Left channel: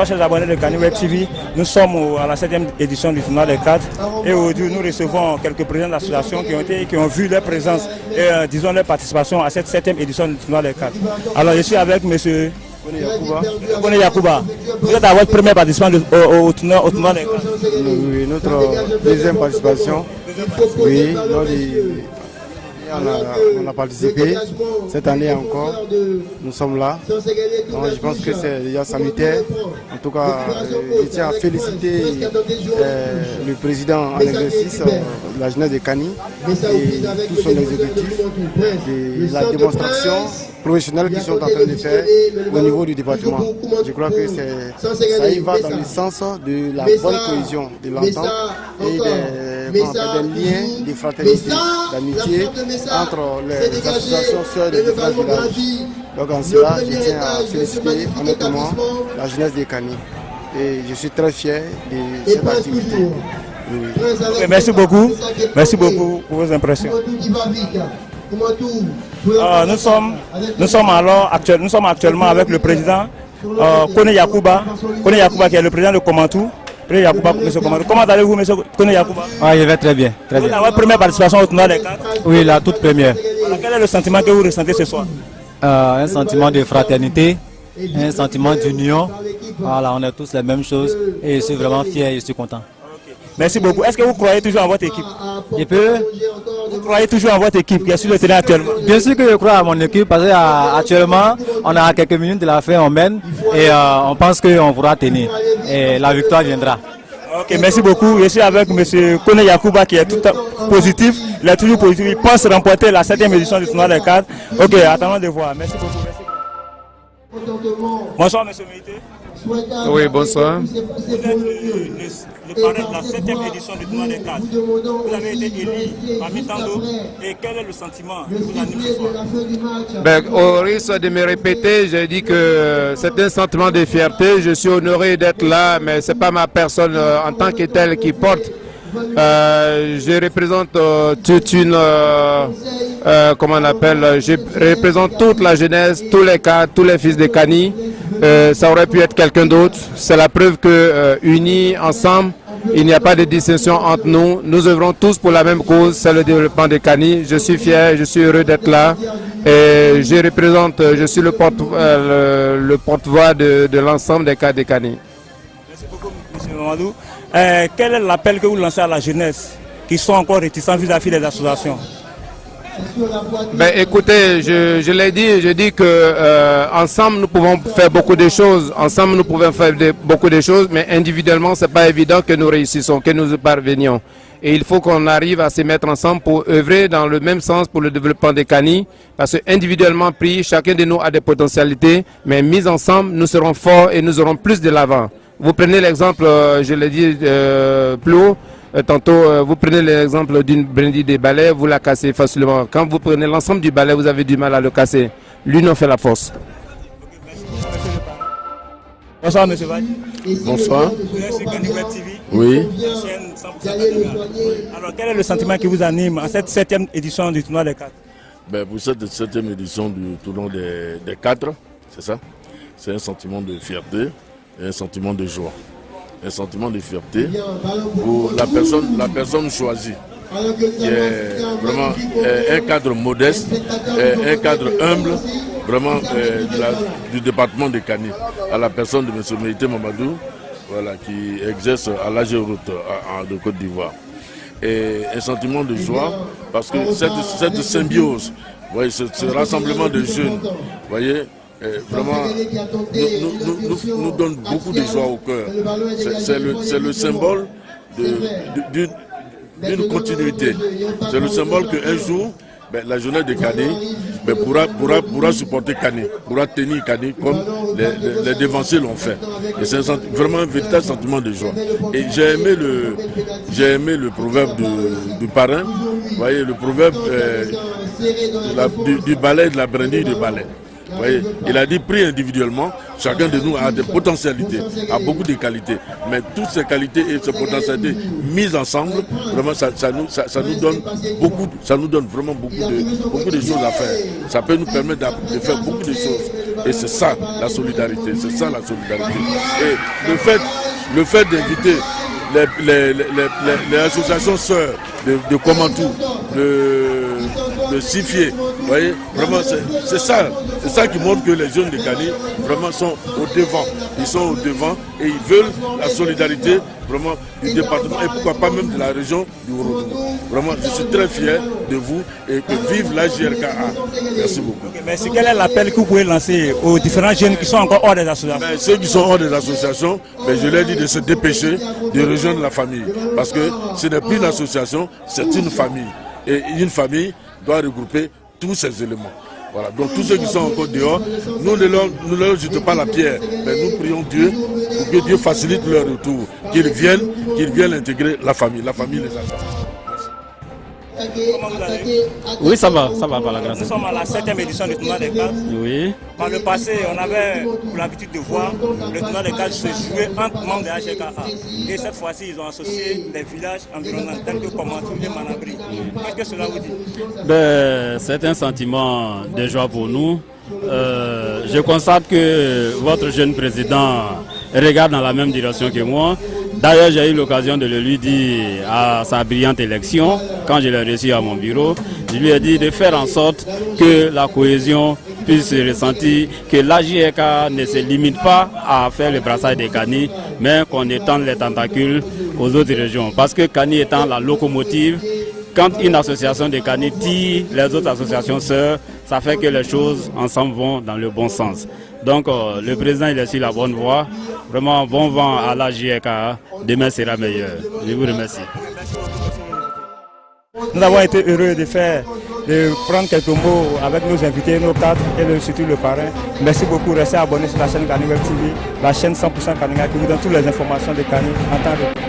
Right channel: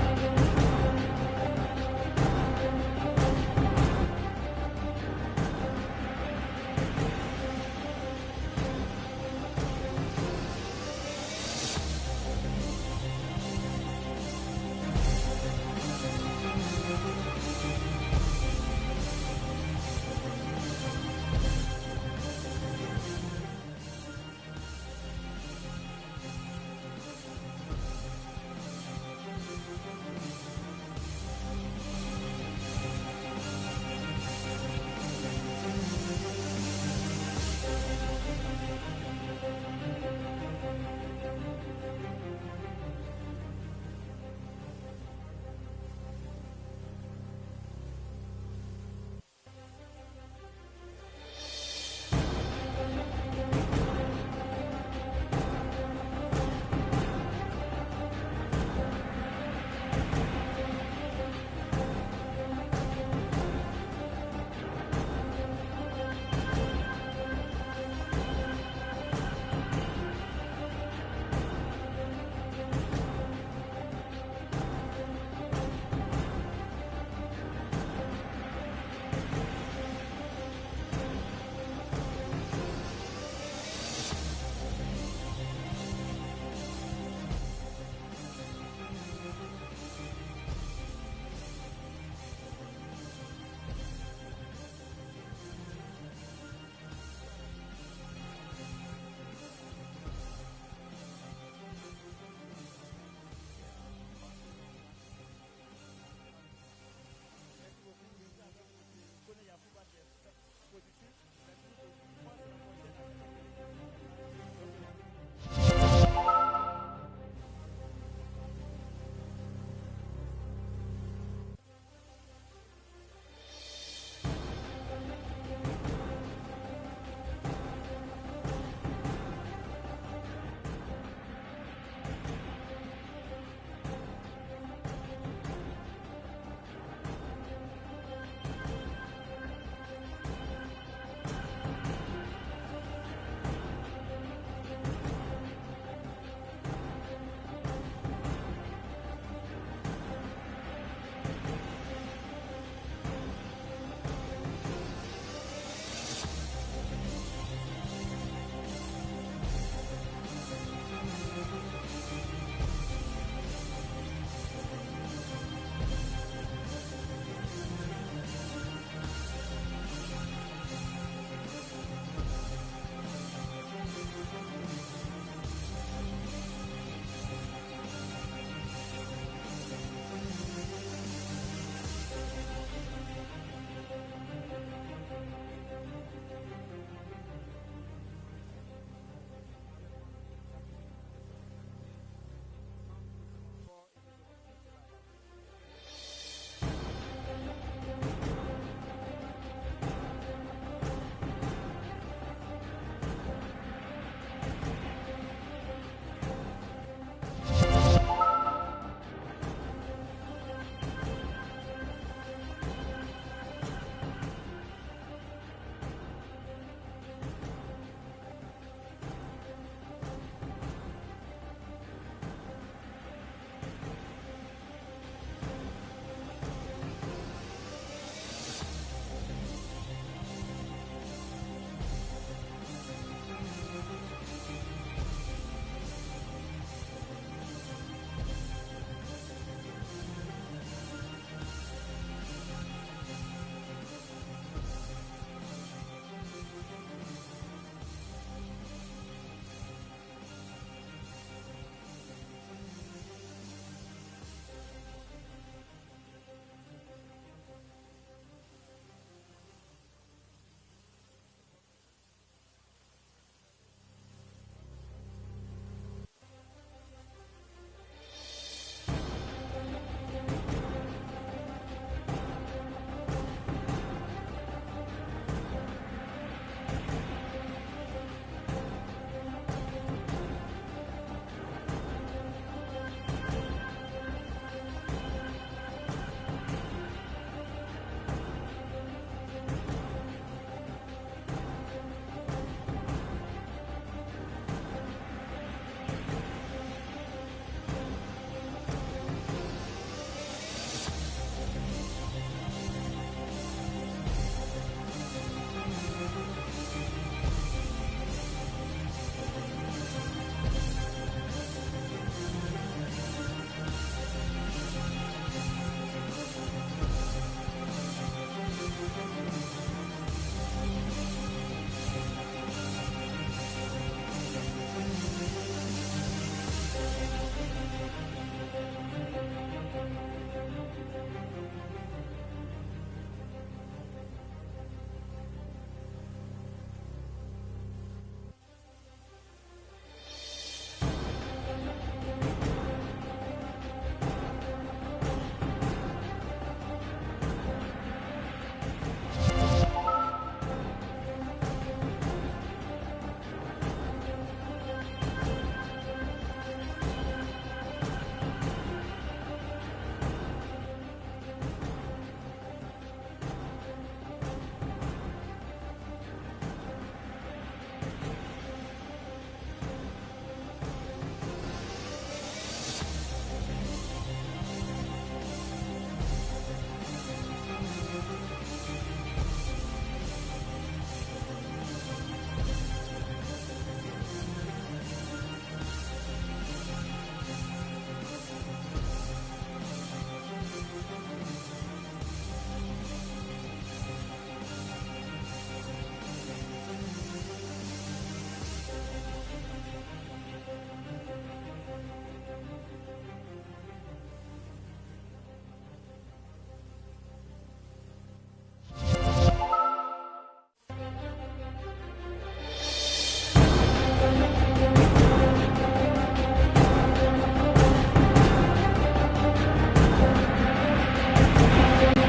Bonsoir chers abonnés de Kani Web TV. Nous sommes à la 7e édition du tournoi des cadres et aujourd'hui nous recevons quelques présidents d'associations qui ont vu leur présence et disons leur participation à cette 7e édition du tournoi des cadres. Alors je suis avec monsieur Kone Yacouba. Vous êtes à votre première participation au tournoi des cadres. Oui, notre deuxième participation. Oui, on a participé. Cette année encore, nous sommes là. Donc, je pense que c'est déjà salutaire. En tout cas, je tiens à féliciter le président en exercice de la jeunesse de Kani et tout son exécutif de la démonstration professionnelle qu'ils sont en train de faire au niveau du département. Je crois que ça y va dans le sens de la bonne cohésion, de l'entente et des liens de fraternité, d'amitié entre les associations sœurs de différents villages. Donc en cela, je tiens à féliciter honnêtement la jeunesse de Kani. Et je suis très fier de cette activité. Okay, merci beaucoup pour vos impressions. Nous sommes actuellement avec le président Kone Yacouba qui est le président de Komantou. Comment allez-vous, monsieur Kone Yacouba? Je vais très bien. Très bien. Votre première participation au tournoi des cadres? Oui, la toute première. Alors, quel est le sentiment que vous ressentez ce soir? Un sentiment de fraternité, un sentiment d'union. Voilà, on est tous les mêmes choses et je suis vraiment fier et je suis content. Merci beaucoup. Est-ce que vous croyez toujours en votre équipe? Vous croyez toujours en votre équipe qui est sur le terrain actuellement? Bien sûr que je crois à mon équipe parce qu'actuellement, on a quelques minutes de la fin, on mène et on pense qu'on pourra tenir. Et la victoire viendra. Ok, merci beaucoup. Je suis avec M. Kone Yacouba qui est tout positif. Il est toujours positif. Il pense remporter la 7e édition du tournoi des cadres. Ok, attendons de voir. Merci beaucoup. Bonsoir, M. Meïté. Oui, bonsoir. Vous êtes le parrain de la 7e édition du tournoi des cadres. Vous avez été élu parmi tant d'autres. Et quel est le sentiment que vous anime ce soir? Au risque de me répéter, j'ai dit que c'est un sentiment de fierté. Je suis honoré d'être là, mais ce n'est pas ma personne en tant que telle qui porte. Je représente toute une... comment on appelle? Je représente toute la jeunesse, tous les cadres, tous les fils de Kani. Ça aurait pu être quelqu'un d'autre. C'est la preuve que unis ensemble, il n'y a pas de distinction entre nous. Nous œuvrons tous pour la même cause, c'est le développement de Kani. Je suis fier, je suis heureux d'être là. Et je suis le porte-voix de l'ensemble des cadres de Kani. Merci beaucoup, M. Mamadou. Quel est l'appel que vous lancez à la jeunesse qui sont encore réticents vis-à-vis des associations? Écoutez, je l'ai dit, je dis que ensemble nous pouvons faire beaucoup de choses, mais individuellement c'est pas évident que nous réussissons, que nous parvenions. Et il faut qu'on arrive à se mettre ensemble pour œuvrer dans le même sens pour le développement des Kani, parce que individuellement pris, chacun de nous a des potentialités, mais mis ensemble, nous serons forts et nous aurons plus de l'avant. Vous prenez l'exemple, je l'ai dit plus haut. Tantôt, vous prenez l'exemple d'une brindille de balai, vous la cassez facilement. Quand vous prenez l'ensemble du balai, vous avez du mal à le casser. L'union fait la force. Bonsoir, M. Valle. Bonsoir. Vous êtes sur Kani Web TV. Oui. Alors, quel est le sentiment qui vous anime à cette 7e édition du tournoi des cadres? Pour cette 7e édition du tournoi des cadres, c'est ça. C'est un sentiment de fierté et un sentiment de joie. Un sentiment de fierté pour la personne choisie, qui est vraiment un cadre modeste, un cadre humble, vraiment du département de Kani, à la personne de M. Meïté Mamadou, voilà, qui exerce à l'AG Route de Côte d'Ivoire. Et un sentiment de joie, parce que cette symbiose, voyez, ce rassemblement de jeunes, voyez, vraiment nous donne beaucoup de joie au cœur. C'est le symbole d'une continuité. C'est le symbole qu'un jour, la jeunesse de Kani pourra supporter Kani, pourra tenir Kani comme les dévanciers l'ont fait. Et c'est vraiment un véritable sentiment de joie. Et j'ai aimé le proverbe du parrain, vous voyez, le proverbe du balai, de la brindille de balai. Voyez, il a dit pris individuellement, chacun de nous a des potentialités, a beaucoup de qualités, mais toutes ces qualités et ces potentialités mises ensemble, vraiment ça nous donne vraiment beaucoup de choses à faire. Ça peut nous permettre de faire beaucoup de choses. Et c'est ça la solidarité, c'est ça la solidarité. Et le fait d'inviter les associations sœurs de Komantou, de Sifié, vous voyez, vraiment c'est ça qui montre que les jeunes de Kani vraiment sont au devant. Ils sont au devant et ils veulent la solidarité vraiment du département et pourquoi pas même de la région du Ourodougou. Vraiment, je suis très fier de vous et que vive la JRKA. Merci beaucoup. Merci. Quel est l'appel que vous pouvez lancer aux différents jeunes qui sont encore hors des associations? Ceux qui sont hors des associations, je leur dis de se dépêcher de rejoindre la famille. Parce que ce n'est plus une association, c'est une famille. Et une famille doit regrouper tous ces éléments. Voilà. Donc tous ceux qui sont encore dehors, nous ne leur jetons pas la pierre, mais nous prions Dieu pour que Dieu facilite leur retour, qu'ils viennent intégrer la famille les associations. Oui, ça va par la grâce. Nous sommes à la 7e édition du tournoi des cadres. Oui. Par le passé, on avait l'habitude de voir le tournoi des cadres se jouer entre membres de la JRKA. Et cette fois-ci, ils ont associé des villages environnants tels que Komantou et Manabri. Qu'est-ce que cela vous dit? C'est un sentiment de joie pour nous. Je constate que votre jeune président regarde dans la même direction que moi. D'ailleurs, j'ai eu l'occasion de le lui dire à sa brillante élection, quand je l'ai reçu à mon bureau, je lui ai dit de faire en sorte que la cohésion puisse se ressentir, que la JRKA ne se limite pas à faire le brassage des Kani, mais qu'on étende les tentacules aux autres régions. Parce que Kani étant la locomotive, quand une association de Kani tire les autres associations sœurs, ça fait que les choses ensemble vont dans le bon sens. Donc le président il est sur la bonne voie. Vraiment bon vent à la JRKA. Demain sera meilleur. Je vous remercie. Nous avons été heureux de prendre quelques mots avec nos invités, nos cadres et surtout le parrain. Merci beaucoup. Restez abonnés sur la chaîne Kani Web TV, la chaîne 100% Kani qui vous donne toutes les informations de Kani en temps réel.